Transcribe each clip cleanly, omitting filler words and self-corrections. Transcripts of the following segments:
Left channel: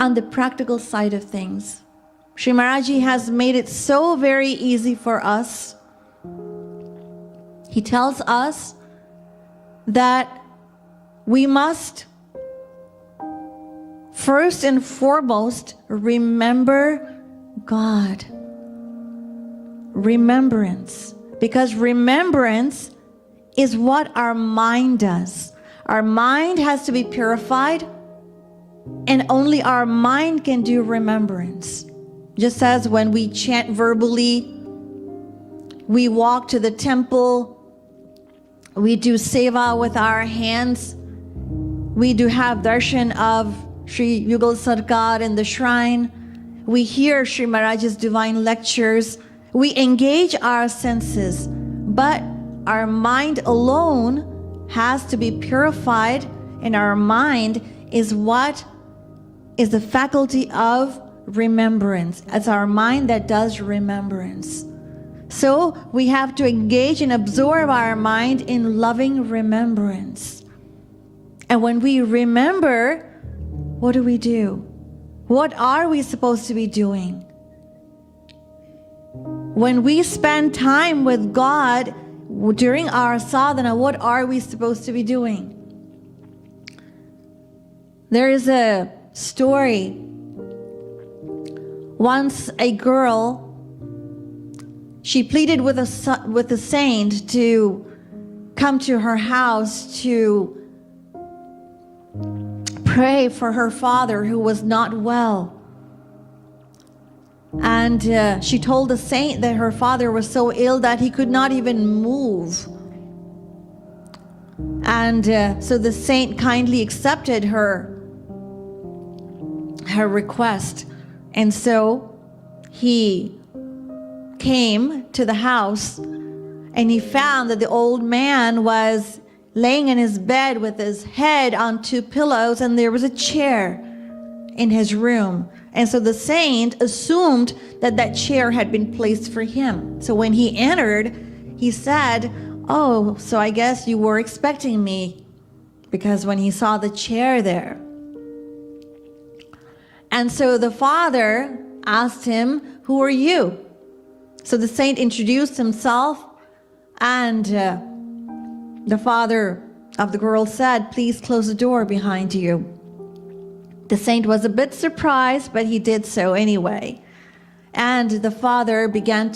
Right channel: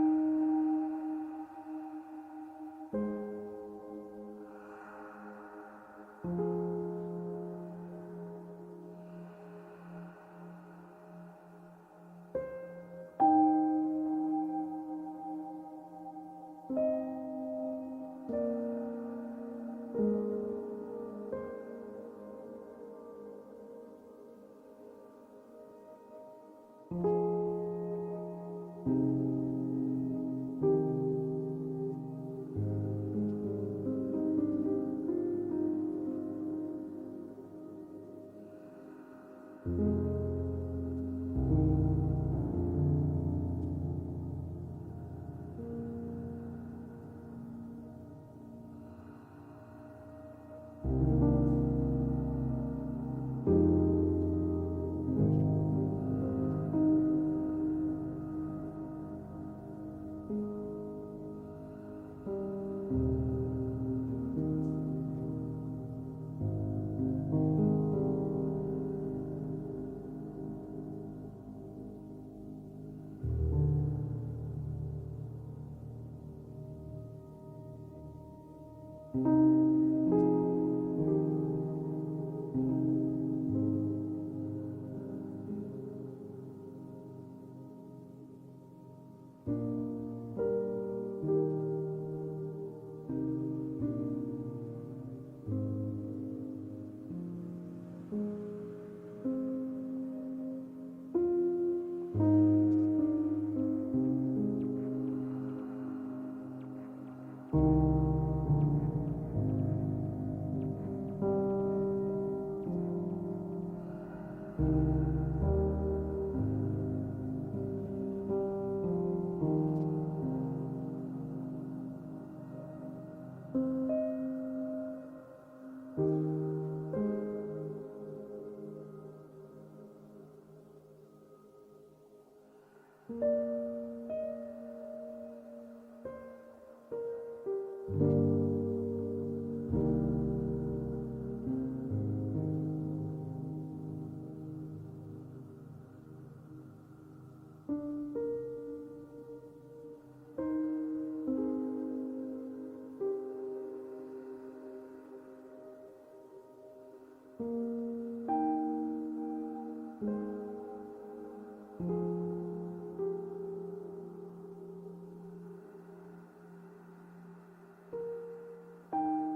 on the practical side of things. Sri Maharaji has made it so very easy for us. He tells us that we must first and foremost remember God. Remembrance. Because remembrance is what our mind does. Our mind has to be purified, and only our mind can do remembrance. Just as when we chant verbally, we walk to the temple, we do seva with our hands, we do have darshan of Sri Yugal Sarkar in the shrine, we hear Sri Maharaj's divine lectures, we engage our senses, but our mind alone has to be purified, and our mind is what is the faculty of remembrance. It's our mind that does remembrance. So we have to engage and absorb our mind in loving remembrance. And when we remember, what do? What are we supposed to be doing? When we spend time with God during our sadhana, what are we supposed to be doing? There is a story. Once a girl, she pleaded with a saint to come to her house to pray for her father who was not well. And she told the saint that her father was so ill that he could not even move. And so the saint kindly accepted her request. And so he came to the house, and he found that the old man was laying in his bed with his head on two pillows, and there was a chair in his room. And so the saint assumed that that chair had been placed for him. So when he entered, he said, "Oh, so I guess you were expecting me," because when he saw the chair there. And so the father asked him, "Who are you?" So the saint introduced himself, and the father of the girl said, "Please close the door behind you." The saint was a bit surprised, but he did so anyway. And the father began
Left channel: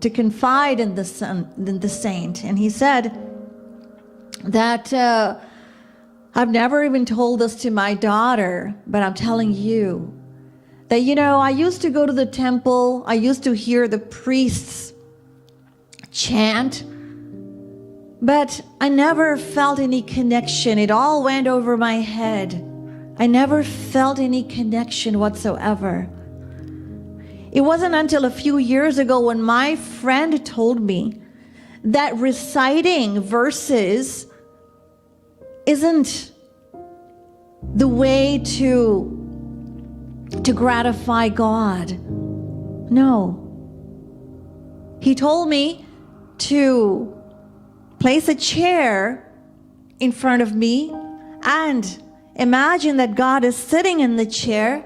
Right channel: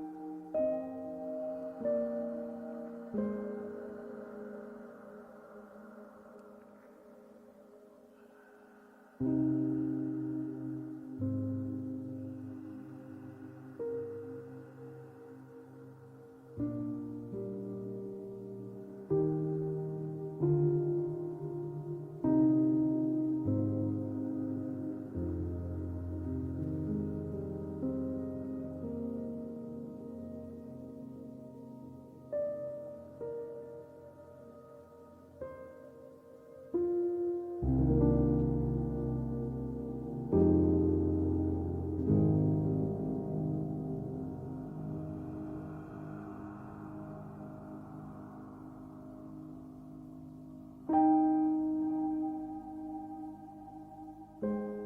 to confide in the saint. And he said that, "I've never even told this to my daughter, but I'm telling you that, I used to go to the temple. I used to hear the priests chant, but I never felt any connection. It all went over my head. I never felt any connection whatsoever. It wasn't until a few years ago when my friend told me that reciting verses isn't the way to gratify God. No. He told me to place a chair in front of me and imagine that God is sitting in the chair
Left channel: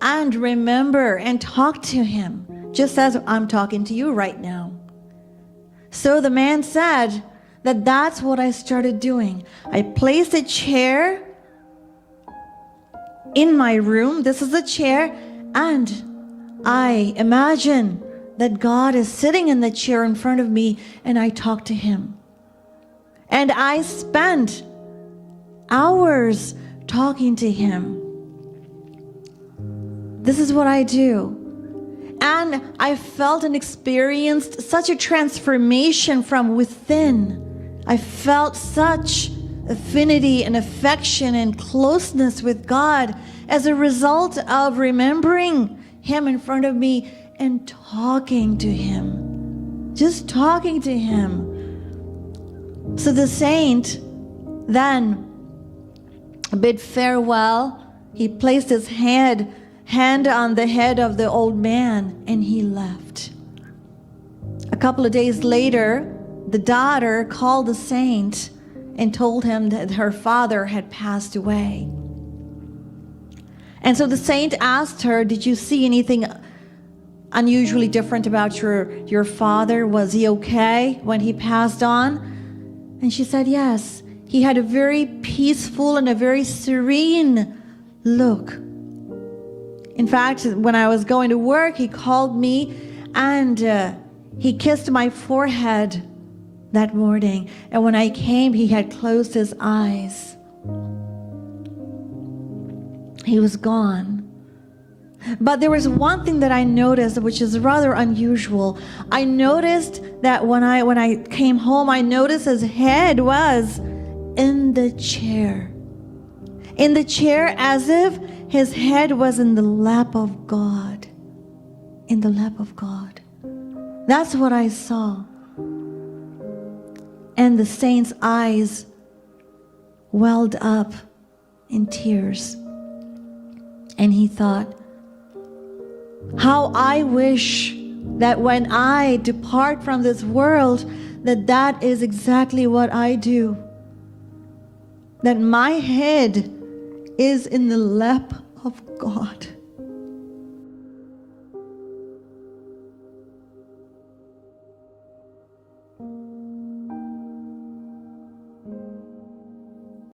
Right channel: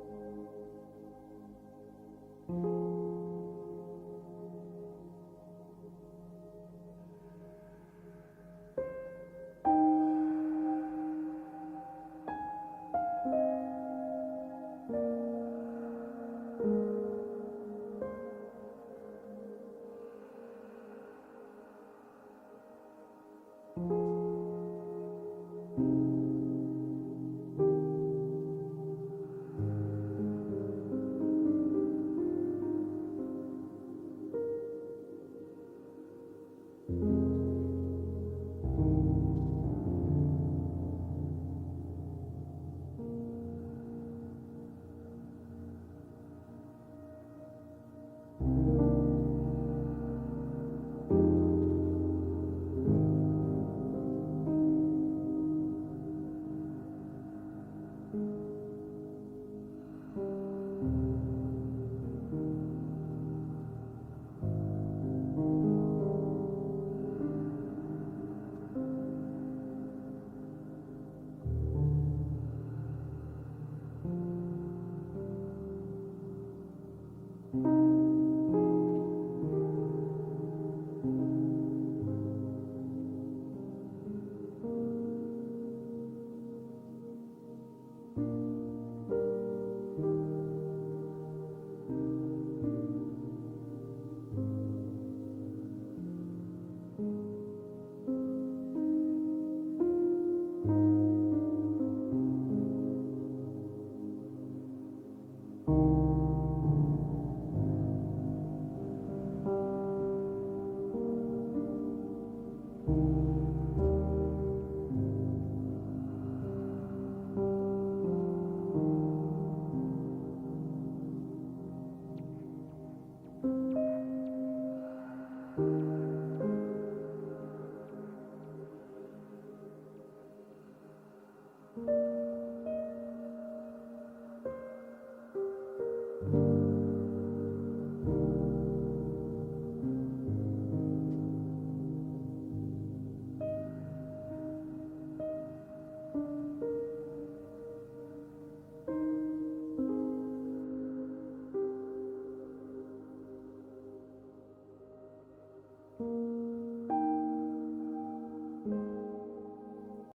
and remember and talk to him, just as I'm talking to you right now." So the man said that that's what I started doing. I placed a chair in my room. This is a chair, and I imagine that God is sitting in the chair in front of me, and I talk to him. And I spent hours talking to him. This is what I do. And I felt and experienced such a transformation from within. I felt such affinity and affection and closeness with God as a result of remembering him in front of me and talking to him. Just talking to him. So the saint then bid farewell. He placed his hand on the head of the old man, and he left. A couple of days later, the daughter called the saint and told him that her father had passed away. And so the saint asked her, did you see anything unusually different about your father? Was he okay when he passed on? And she said, yes. He had a very peaceful and a very serene look. In fact, when I was going to work, he called me and he kissed my forehead that morning. And when I came, he had closed his eyes. He was gone. But there was one thing that I noticed, which is rather unusual. I noticed that when I came home, I noticed his head was in the chair. In the chair, as if his head was in the lap of God. In the lap of God. That's what I saw. And the saint's eyes welled up in tears. And he thought, how I wish that when I depart from this world, that is exactly what I do. That my head is in the lap of God.